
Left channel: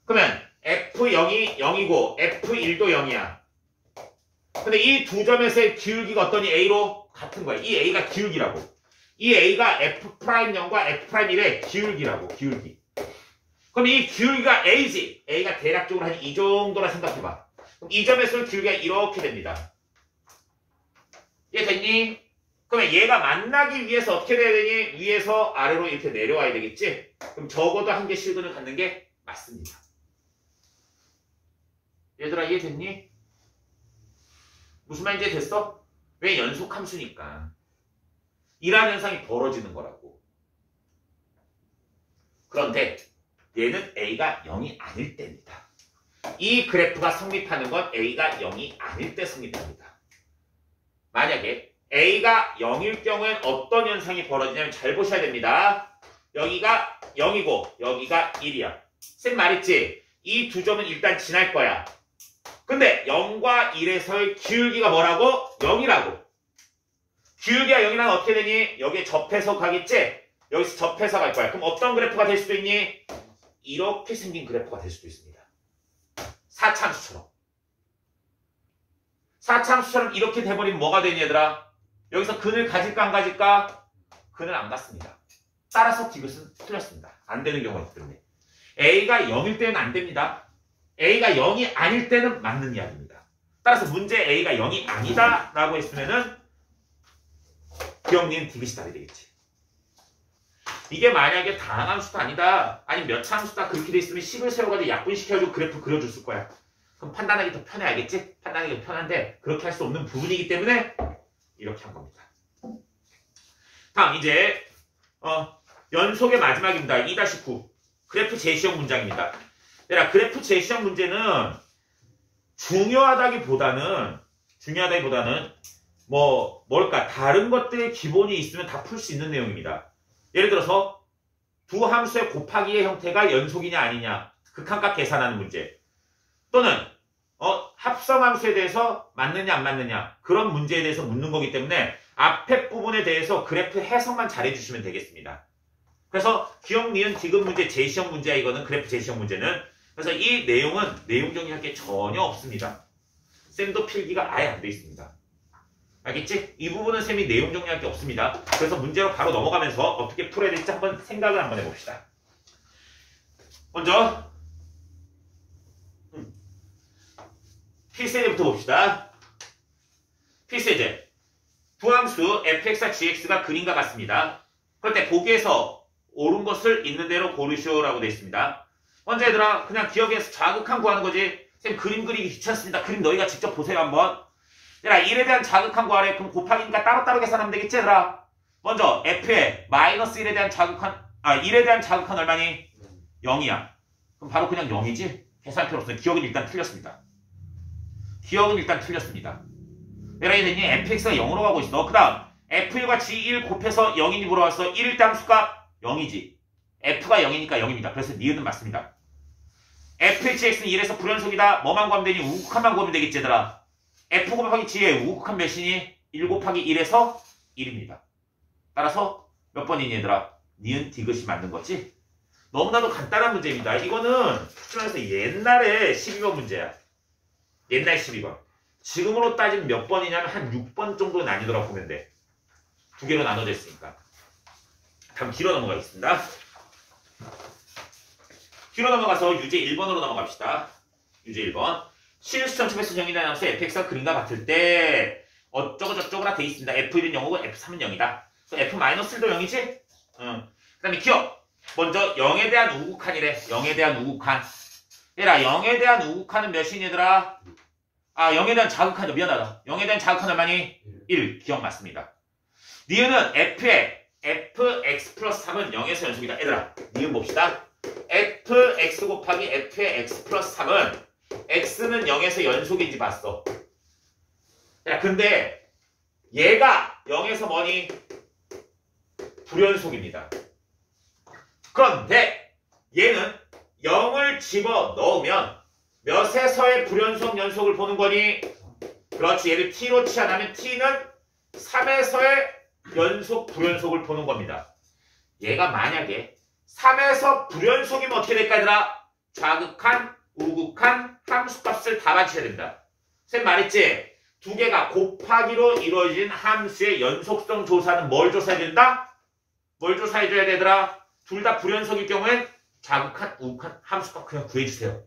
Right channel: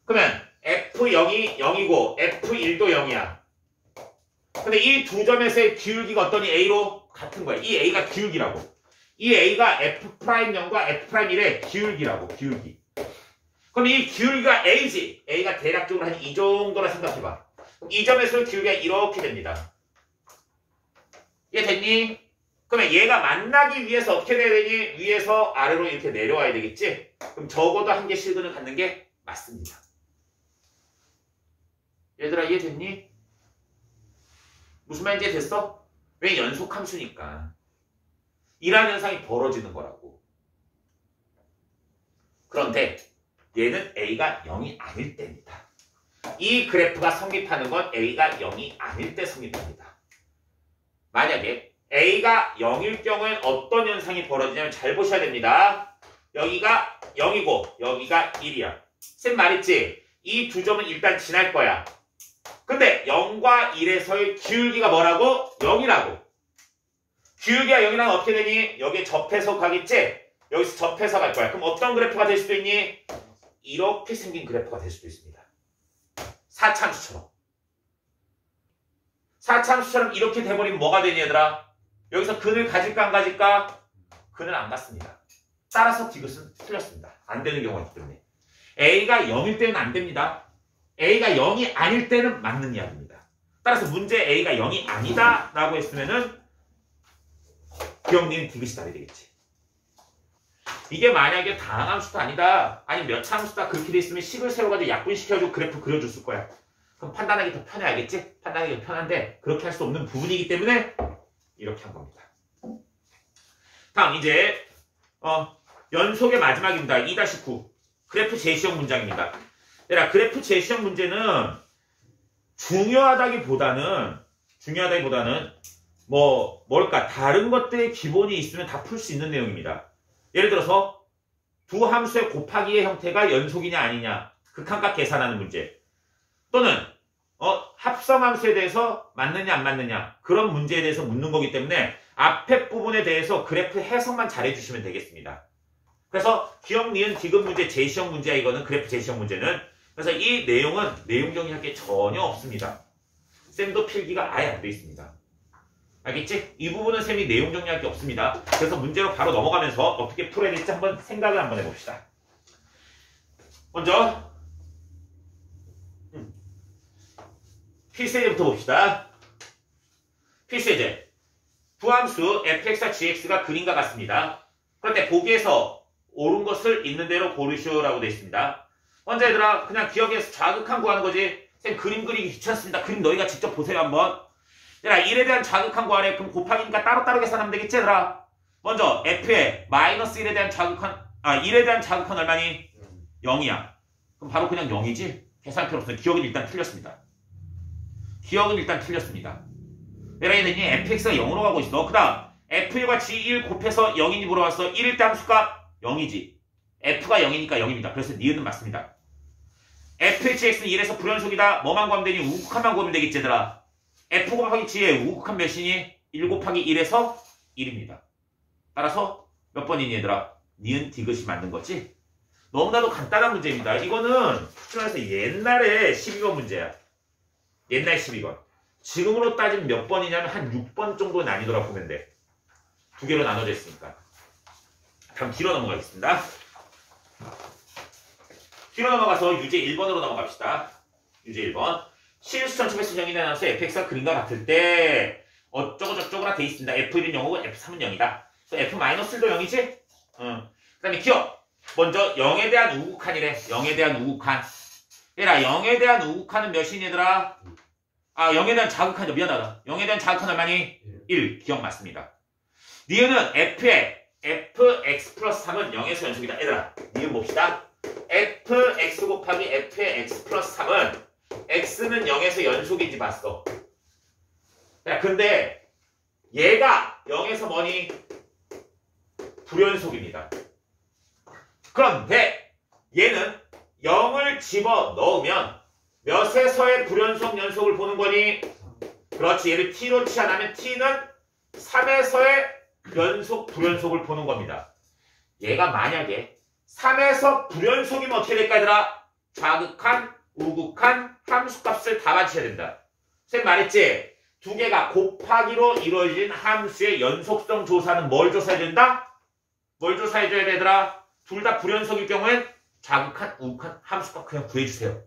그러면 f0이 0이고 f1도 0이야. 근데 이 두 점에서의 기울기가 어떠니? a로 같은 거야. 이 a가 기울기라고. 이 a가 f'0과 f'1의 기울기라고. 기울기. 그럼 이 기울기가 a지. a가 대략적으로 한 이 정도라 생각해봐. 그럼 이 점에서의 기울기가 이렇게 됩니다. 이해됐니? 그러면 얘가 만나기 위해서 어떻게 돼야 되니? 위에서 아래로 이렇게 내려와야 되겠지? 그럼 적어도 한 개 실근을 갖는 게 맞습니다. 얘들아 이해됐니? 무슨 말인지 이해됐어? 왜 연속함수니까. 이러한 현상이 벌어지는 거라고. 그런데 얘는 A가 0이 아닐 때입니다. 이 그래프가 성립하는 건 A가 0이 아닐 때 성립합니다. 만약에 A가 0일 경우엔 어떤 현상이 벌어지냐면 잘 보셔야 됩니다. 여기가 0이고 여기가 1이야. 쌤 말했지? 이 두 점은 일단 지날 거야. 근데 0과 1에서의 기울기가 뭐라고? 0이라고. 기울기가 0이라면 어떻게 되니? 여기에 접해서 가겠지? 여기서 접해서 갈 거야. 그럼 어떤 그래프가 될 수도 있니? 이렇게 생긴 그래프가 될 수도 있습니다. 4차함수처럼. 4차함수처럼 이렇게 돼버리면 뭐가 되니 얘들아? 여기서 근을 가질까 안 가질까? 근을 안 갖습니다. 따라서 이것은 틀렸습니다. 안 되는 경우가 있기 때문에. A가 0일 때는 안 됩니다. A가 0이 아닐 때는 맞는 이야기입니다. 따라서 문제 A가 0이 아니다 라고 했으면은 기억니은 디귿이 답이 되겠지. 이게 만약에 다항함수도 아니다. 아니 몇 차함수다 그렇게 돼 있으면 식을 세워가지고 약분시켜가지고 그래프 그려줬을 거야. 그럼 판단하기 더 편해. 알겠지? 판단하기 더 편한데 그렇게 할 수 없는 부분이기 때문에 이렇게 한 겁니다. 다음 이제 연속의 마지막입니다. 2-9 그래프 제시형 문장입니다. 얘들아 그래프 제시형 문제는 중요하다기보다는 뭘까 다른 것들의 기본이 있으면 다 풀 수 있는 내용입니다. 예를 들어서 두 함수의 곱하기의 형태가 연속이냐 아니냐 극한값 계산하는 문제 또는 합성함수에 대해서 맞느냐 안 맞느냐 그런 문제에 대해서 묻는 거기 때문에 앞에 부분에 대해서 그래프 해석만 잘해 주시면 되겠습니다. 그래서 기억, 니은, 디귿 문제 제시형 문제야. 이거는 그래프 제시형 문제는. 그래서 이 내용은 내용 정리할 게 전혀 없습니다. 쌤도 필기가 아예 안 돼 있습니다. 알겠지? 이 부분은 쌤이 내용 정리할 게 없습니다. 그래서 문제로 바로 넘어가면서 어떻게 풀어야 될지 한번 생각을 한번 해봅시다. 먼저 필세제부터 봅시다. 필세제. 부함수 fx와 gx가 그림과 같습니다. 그런데 보기에서 옳은 것을 있는 대로 고르시오라고 되어 있습니다. 먼저 얘들아 그냥 기억해서 자극한 구하는 거지. 쌤 그림 그리기 귀찮습니다. 그림 너희가 직접 보세요 한번. 얘들아 1에 대한 자극한 구하래. 그럼 곱하기니까 따로따로 계산하면 되겠지 얘들아. 먼저 f에 마이너스 1에 대한 자극한 1에 대한 자극한 얼마니? 0이야. 그럼 바로 그냥 0이지? 계산 필요 없어요. 기억은 일단 틀렸습니다. 얘들아 얘는이 fx가 0으로 가고 있어. 그 다음 f1과 g1 곱해서 0이니 물어봤어. 1일 때 함수값 0이지. f가 0이니까 0입니다. 그래서 니은은 맞습니다. fhx는 1에서 불연속이다. 뭐만 구하면 되니? 우극한만 구하면 되겠지 얘들아. f 곱하기 g의 우극한 몇이니? 1 곱하기 1에서 1입니다. 따라서 몇 번이니 얘들아? 니은 디귿이 맞는 거지? 너무나도 간단한 문제입니다. 이거는 출전해서 옛날에 12번 문제야. 옛날 12번. 지금으로 따지면 몇 번이냐면 한 6번 정도 난이도라 보면 돼. 두 개로 나눠져 있으니까. 다음 뒤로 넘어가겠습니다. 뒤로 넘어가서 유제 1번으로 넘어갑시다. 유제 1번. 실수 전체배수 정의에 나눠서 fx가 그림과 같을 때 어쩌고저쩌고라 돼 있습니다. f1은 0이고 f3은 0이다. 그래서 f-1도 0이지? 그 다음에 기억. 먼저 0에 대한 우극한이래. 0에 대한 우극한. 얘들아 0에 대한 우극한은 몇이니 얘들아? 0에 대한 자극한이죠. 미안하다. 0에 대한 자극한 얼마니? 1. 기억 맞습니다. 니은은 f에 fx 플러스 3은 0에서 연속이다. 얘들아 니은 봅시다. fx 곱하기 f의 x 플러스 3은 x는 0에서 연속인지 봤어. 야 근데 얘가 0에서 뭐니? 불연속입니다. 그런데 얘는 0을 집어넣으면 몇에서의 불연속 연속을 보는 거니? 그렇지. 얘를 t로 치환하면 t는 3에서의 연속 불연속을 보는 겁니다. 얘가 만약에 3에서 불연속이면 어떻게 될까 얘들아? 자극한, 우극한, 함수값을 다 맞춰야 된다. 쌤 말했지? 두 개가 곱하기로 이루어진 함수의 연속성 조사는 뭘 조사해야 된다? 뭘 조사해줘야 되더라? 둘 다 불연속일 경우엔 자극한, 우극한, 함수값 그냥 구해주세요.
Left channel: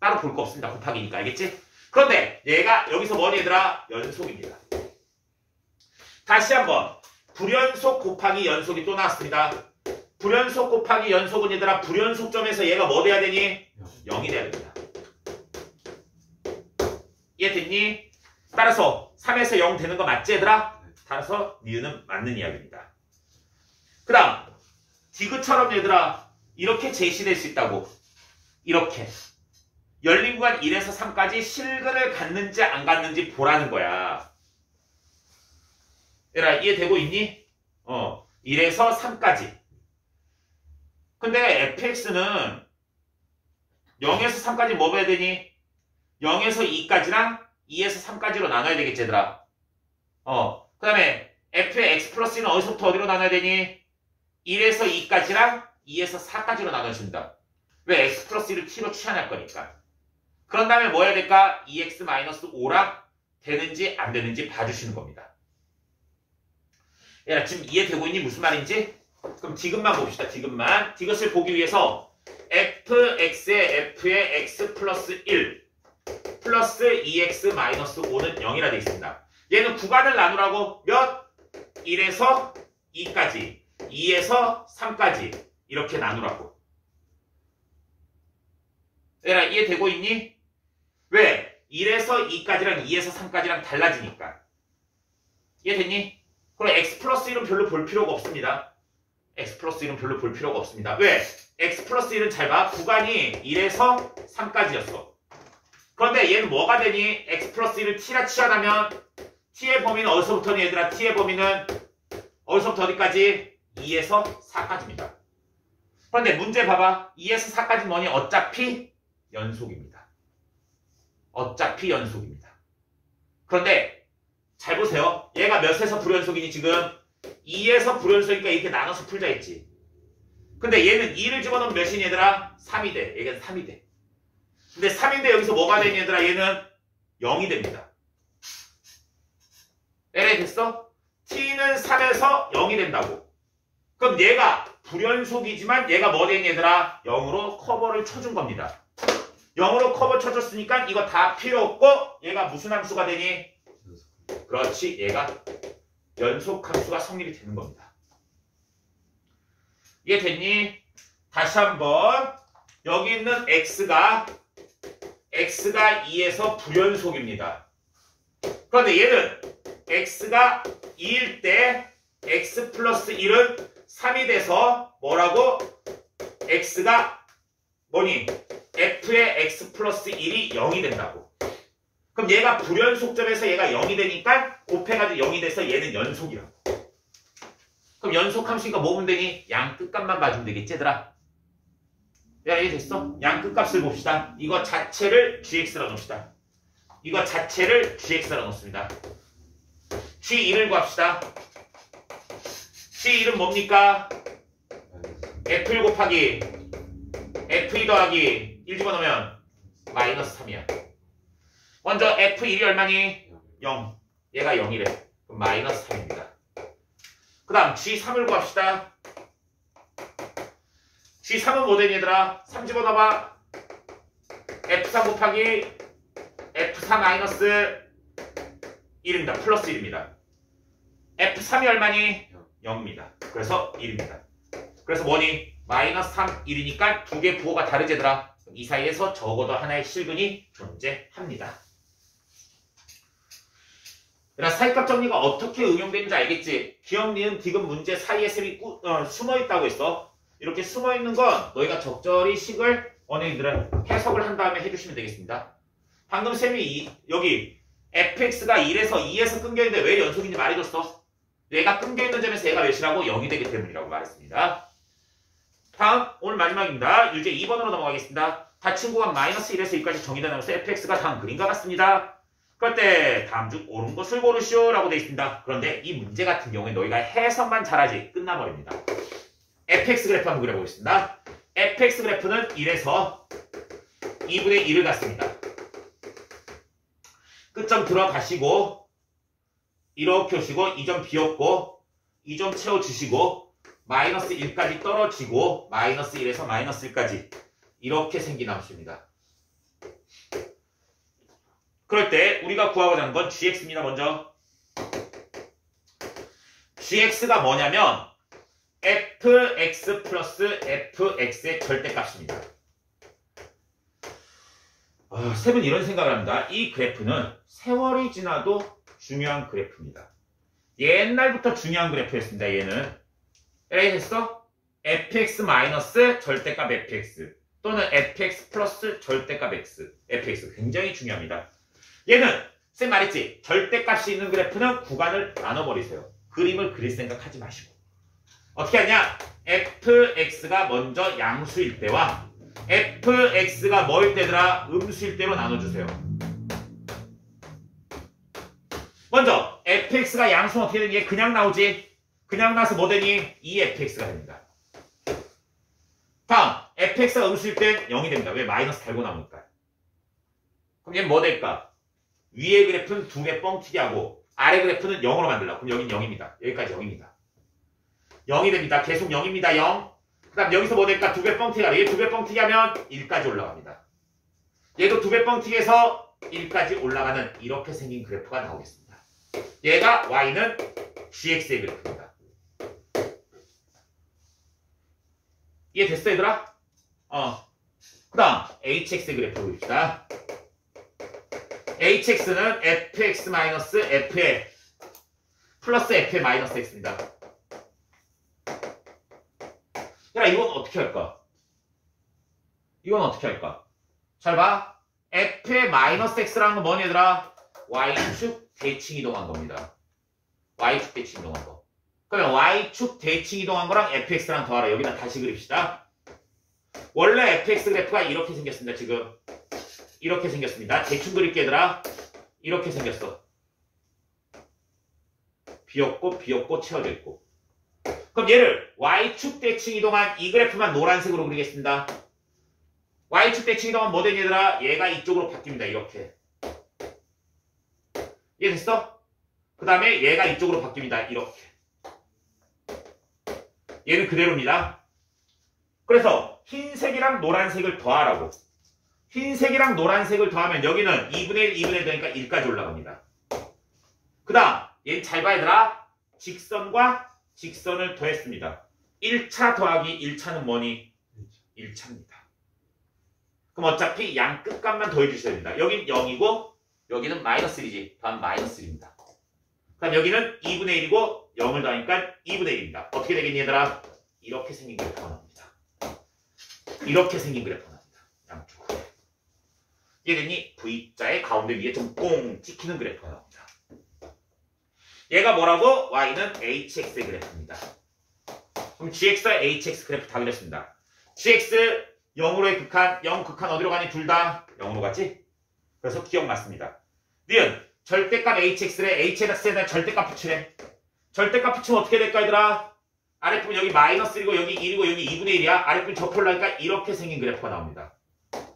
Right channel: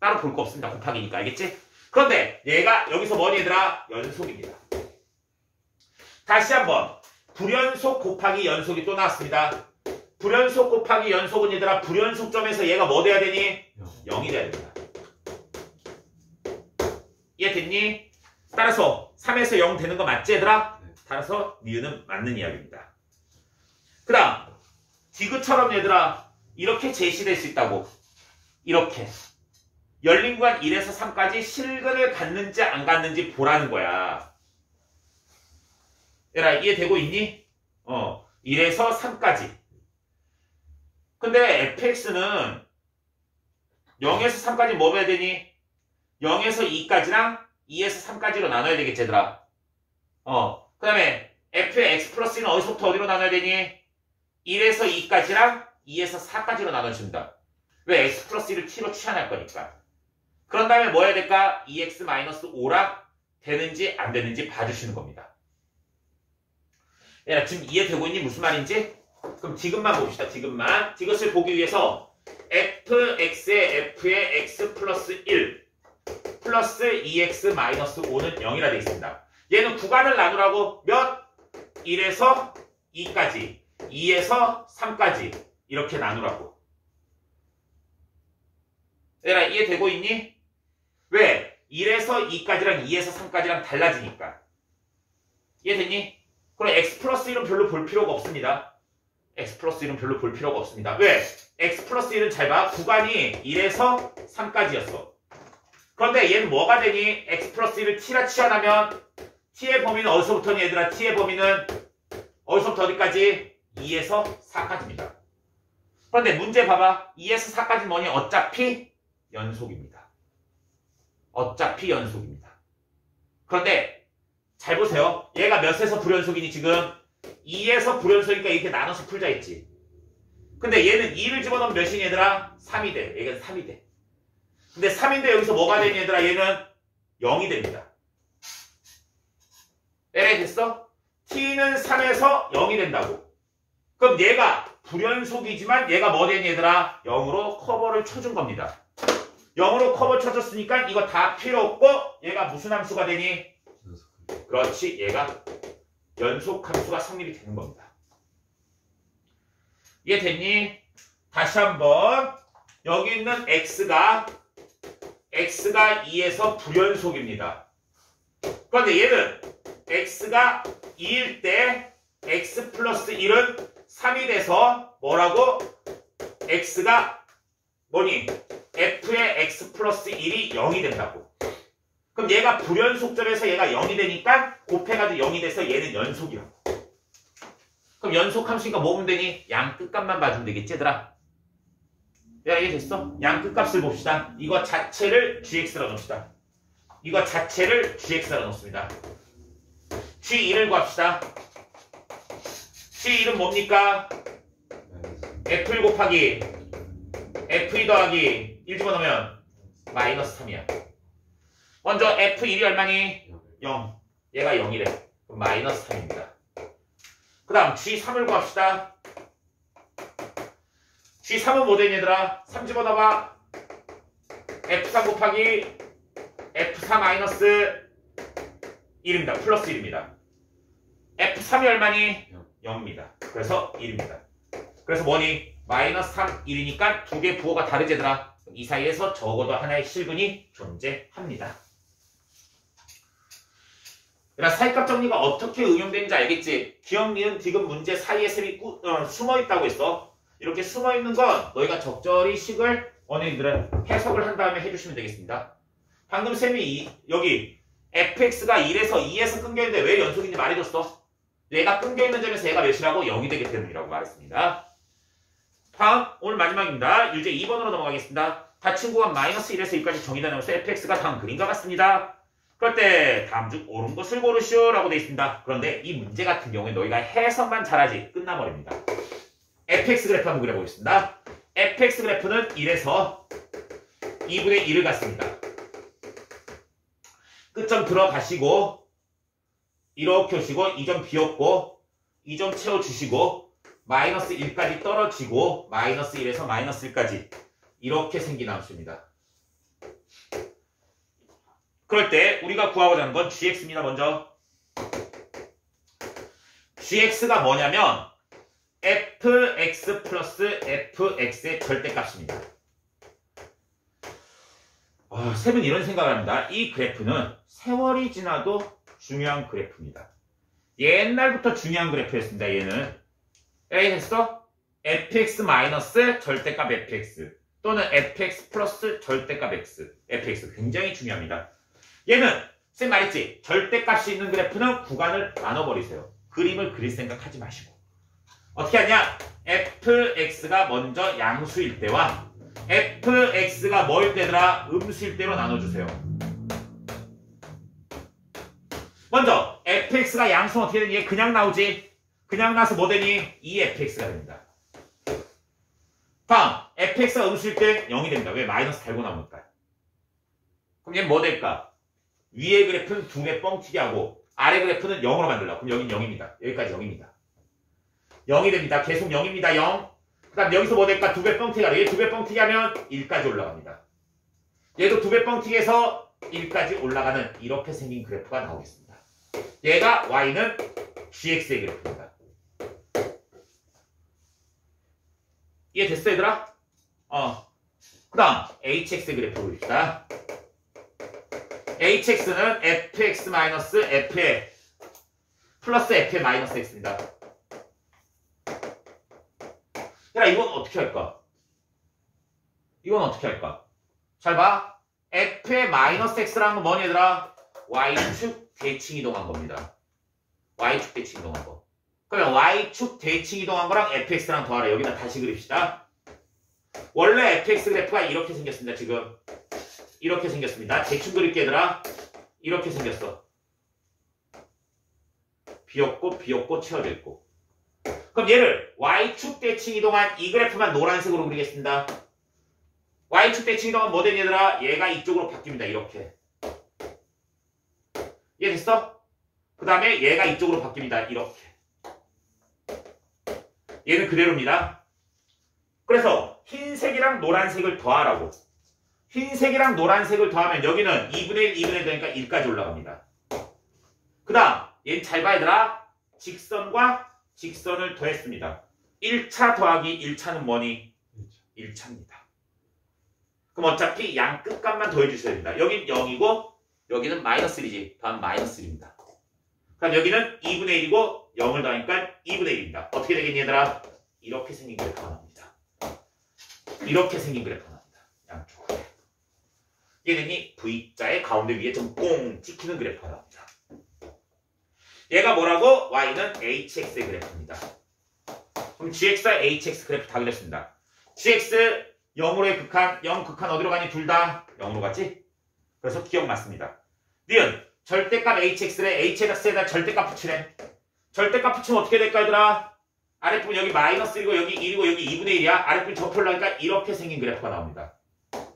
따로 볼 거 없습니다. 곱하기니까. 알겠지? 그런데 얘가 여기서 뭐니 얘들아? 연속입니다. 다시 한번 불연속 곱하기 연속이 또 나왔습니다. 불연속 곱하기 연속은 얘들아 불연속점에서 얘가 뭐 돼야 되니? 0이 돼야 됩니다. 이해됐니? 따라서 3에서 0 되는 거 맞지 얘들아? 따라서 니은은 맞는 이야기입니다. 그 다음 디귿처럼 얘들아 이렇게 제시될 수 있다고. 이렇게 열린 구간 1에서 3까지 실근을 갖는지 안 갖는지 보라는 거야. 얘들아 이해되고 있니? 1에서 3까지. 근데 fx는 0에서 3까지 뭐 해야 되니? 0에서 2까지랑 2에서 3까지로 나눠야 되겠지 얘들아. 그 다음에 f의 x 플러스 1은 어디서부터 어디로 나눠야 되니? 1에서 2까지랑 2에서 4까지로 나눠준다. 왜? x 플러스 1을 t로 취한할 거니까. 그런 다음에 뭐 해야 될까? 2x-5랑 되는지 안 되는지 봐주시는 겁니다. 야, 지금 이해되고 있니? 무슨 말인지? 그럼 디귿만 봅시다. 디귿만. 디귿을 보기 위해서 fx의 f의 x 플러스 1 플러스 2x-5는 0이라 되어 있습니다. 얘는 구간을 나누라고 몇? 1에서 2까지 2에서 3까지 이렇게 나누라고. 얘들아 이해되고 있니? 왜? 1에서 2까지랑 2에서 3까지랑 달라지니까. 이해됐니? 그럼 x 플러스 1은 별로 볼 필요가 없습니다. x 플러스 1은 별로 볼 필요가 없습니다. 왜? x 플러스 1은 잘 봐. 구간이 1에서 3까지였어. 그런데 얘는 뭐가 되니? x 플러스 1을 t라 취하면 t의 범위는 어디서부터니 얘들아? t의 범위는 어디서부터 어디까지? 2에서 4까지입니다. 그런데 문제 봐봐. 2에서 4까지 뭐니? 어차피 연속입니다. 어차피 연속입니다. 그런데 잘 보세요. 얘가 몇에서 불연속이니 지금? 2에서 불연속이니까 이렇게 나눠서 풀자 했지. 근데 얘는 2를 집어넣으면 몇이니 얘들아? 3이 돼. 얘는 3이 돼. 근데 3인데 여기서 뭐가 되니 얘들아? 얘는 0이 됩니다. LA 됐어? t는 3에서 0이 된다고. 그럼 얘가 불연속이지만 얘가 뭐 되니 얘들아? 0으로 커버를 쳐준 겁니다. 0으로 커버 쳐줬으니까 이거 다 필요 없고 얘가 무슨 함수가 되니? 그렇지. 얘가 연속 함수가 성립이 되는 겁니다. 이해됐니? 다시 한번 여기 있는 x가 2에서 불연속입니다. 그런데 얘는 x가 2일 때 x 플러스 1은 3이 돼서 뭐라고? x가 뭐니? f의 x 플러스 1이 0이 된다고. 그럼 얘가 불연속점에서 얘가 0이 되니까 곱해가지고 0이 돼서 얘는 연속이라고. 그럼 연속 함수니까 뭐 보면 되니? 양 끝값만 봐주면 되겠지 얘들아? 야 이게 됐어? 양 끝값을 봅시다. 이거 자체를 gx라 놓읍시다. 이거 자체를 gx라 놓습니다. g1을 구합시다. g1은 뭡니까? f1 곱하기 f2 더하기 1 집어넣으면 마이너스 3이야. 먼저 f1이 얼마니? 0. 얘가 0이래. 그럼 마이너스 3입니다. 그 다음 g3을 구합시다. g3은 뭐 되니 얘들아? 3 집어넣어봐. f3 곱하기 f4 마이너스 1입니다. 플러스 1입니다. f3이 얼마니? 0입니다. 그래서 1입니다. 그래서 뭐니? 마이너스 3, 1이니까 두 개 부호가 다르지 얘들아. 이 사이에서 적어도 하나의 실근이 존재합니다. 그러니까 사이값 정리가 어떻게 응용되는지 알겠지? 기억, 니은, 디귿 문제 사이에 셈이 숨어있다고 했어. 이렇게 숨어있는 건 너희가 적절히 식을 언니들은 해석을 한 다음에 해주시면 되겠습니다. 방금 셈이 여기 fx가 1에서 2에서 끊겨있는데 왜 연속인지 말해줬어. 얘가 끊겨있는 점에서 얘가 몇이라고? 0이 되기 때문이라고 말했습니다. 다음 오늘 마지막입니다. 유제 2번으로 넘어가겠습니다. 같은 구간 마이너스 1에서 2까지 정의되면서 fx가 다음 그림과 같습니다. 그럴 때 다음 중 옳은 것을 고르시오 라고 되어 있습니다. 그런데 이 문제 같은 경우에 너희가 해석만 잘하지 끝나버립니다. fx 그래프 한번 그려보겠습니다. fx 그래프는 1에서 2분의 1을 갖습니다. 끝점 들어가시고 이렇게 오시고 이 점 비웠고 이 점 채워주시고 마이너스 1까지 떨어지고 마이너스 1에서 마이너스 1까지 이렇게 생긴 함수입니다. 그럴 때 우리가 구하고자 하는 건 gx입니다. 먼저 gx가 뭐냐면 fx 플러스 fx의 절대값입니다. 쌤은 이런 생각을 합니다. 이 그래프는 세월이 지나도 중요한 그래프입니다. 옛날부터 중요한 그래프였습니다. 얘는 됐어? fx 마이너스 절대값 fx 또는 fx 플러스 절대값 x fx 굉장히 중요합니다. 얘는 쌤 말했지? 절대값이 있는 그래프는 구간을 나눠버리세요. 그림을 그릴 생각하지 마시고 어떻게 하냐? fx가 먼저 양수일 때와 fx가 뭐일 때더라? 음수일 때로 나눠주세요. 먼저 fx가 양수는 어떻게 되니? 그냥 나오지? 그냥 나와서 뭐 되니? 2fx가 됩니다. 다음 fx가 음수일 땐 0이 됩니다. 왜? 마이너스 달고 나오니까. 그럼 얘는 뭐 될까? 위의 그래프는 2배 뻥튀기 하고 아래 그래프는 0으로 만들려고. 그럼 여긴 0입니다. 여기까지 0입니다. 0이 됩니다. 계속 0입니다. 0. 그 다음 여기서 뭐 될까? 2배 뻥튀기 하래. 얘 2배 뻥튀기 하면 1까지 올라갑니다. 얘도 2배 뻥튀기해서 1까지 올라가는 이렇게 생긴 그래프가 나오겠습니다. 얘가 y는 gx의 그래프입니다. 이해됐어 얘들아? 그 다음 hx의 그래프 보입시다. hx는 fx 마이너스 f의 플러스 f의 마이너스 x입니다. 그럼 이건 어떻게 할까? 이건 어떻게 할까? 잘 봐. f의 마이너스 x라는 건 뭐니 얘들아? y축 대칭 이동한 겁니다. y축 대칭 이동한 거. 그러면 y축 대칭 이동한 거랑 fx랑 더하라. 여기다 다시 그립시다. 원래 fx 그래프가 이렇게 생겼습니다. 지금 이렇게 생겼습니다. 대충 그릴게 얘들아. 이렇게 생겼어. 비었고 채워져 있고. 그럼 얘를 y축 대칭 이동한 이 그래프만 노란색으로 그리겠습니다. y축 대칭 이동한 뭐 되니 얘들아? 얘가 이쪽으로 바뀝니다. 이렇게. 이해됐어? 그 다음에 얘가 이쪽으로 바뀝니다. 이렇게. 얘는 그대로입니다. 그래서 흰색이랑 노란색을 더하라고. 흰색이랑 노란색을 더하면 여기는 2분의 1, 2분의 1 되니까 1까지 올라갑니다. 그 다음 얘는 잘 봐야 되라. 직선과 직선을 더했습니다. 1차 더하기 1차는 뭐니? 1차입니다. 그럼 어차피 양 끝값만 더해 주셔야 됩니다. 여긴 0이고 여기는 마이너스 1이지. 더하면 마이너스 1입니다. 그럼 여기는 2분의 1이고 0을 더하니까 2분의 1입니다. 어떻게 되겠니 얘들아? 이렇게 생긴 그래프가 나옵니다. 이렇게 생긴 그래프가 나옵니다. 양쪽으로. 얘는 V자의 가운데 위에 좀 꽁 찍히는 그래프가 나옵니다. 얘가 뭐라고? y는 hx의 그래프입니다. 그럼 gx와 hx 그래프 다 그렸습니다. gx 0으로의 극한, 0 극한 어디로 가니? 둘 다 0으로 가지? 그래서 기억 맞습니다. 니은 절대값 hx를 hx에다 절대값 붙이래. 절대값 붙이면 어떻게 될까 얘들아? 아랫부분 여기 마이너스 1이고 여기 1이고 여기 2분의 1이야. 아랫부분 접으려니까 이렇게 생긴 그래프가 나옵니다.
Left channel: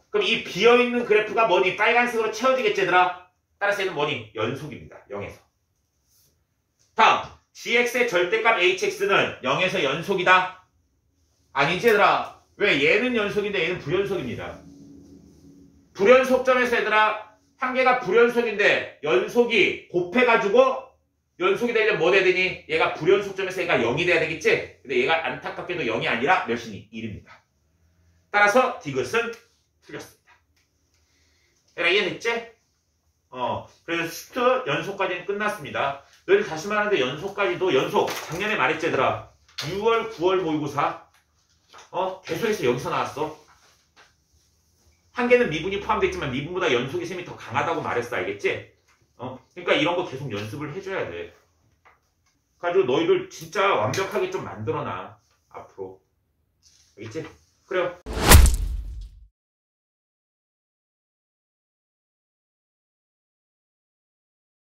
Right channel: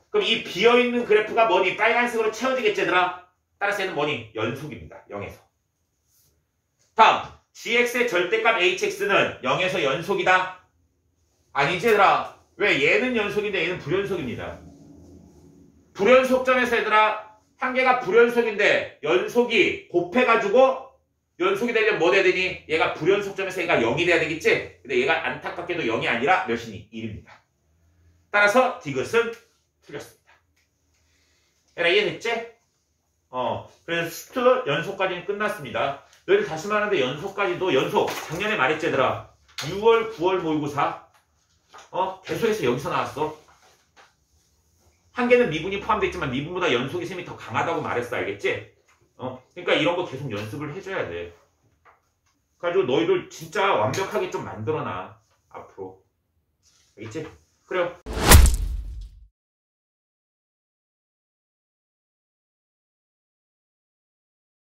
그럼 이 비어있는 그래프가 뭐니? 빨간색으로 채워지겠지 얘들아? 따라서 얘는 뭐니? 연속입니다. 0에서. 다음 gx의 절대값 hx는 0에서 연속이다? 아니지 얘들아. 왜? 얘는 연속인데 얘는 불연속입니다. 불연속점에서 얘들아 한 개가 불연속인데 연속이 곱해가지고 연속이 되려면 뭐 돼야 되니? 얘가 불연속점에서 얘가 0이 돼야 되겠지? 근데 얘가 안타깝게도 0이 아니라 몇이니? 1입니다. 따라서 디귿은 틀렸습니다. 얘들아 이해됐지? 그래서 스트 연속까지는 끝났습니다. 너희들 다시 말하는데 연속까지도 연속 작년에 말했지 얘들아. 6월 9월 모의고사 계속해서 여기서 나왔어. 한 개는 미분이 포함되어 있지만 미분보다 연속이 셈이 더 강하다고 말했어. 알겠지? 그러니까 이런 거 계속 연습을 해줘야 돼. 그래가지고 너희들 진짜 완벽하게 좀 만들어놔 앞으로. 알겠지? 그래요.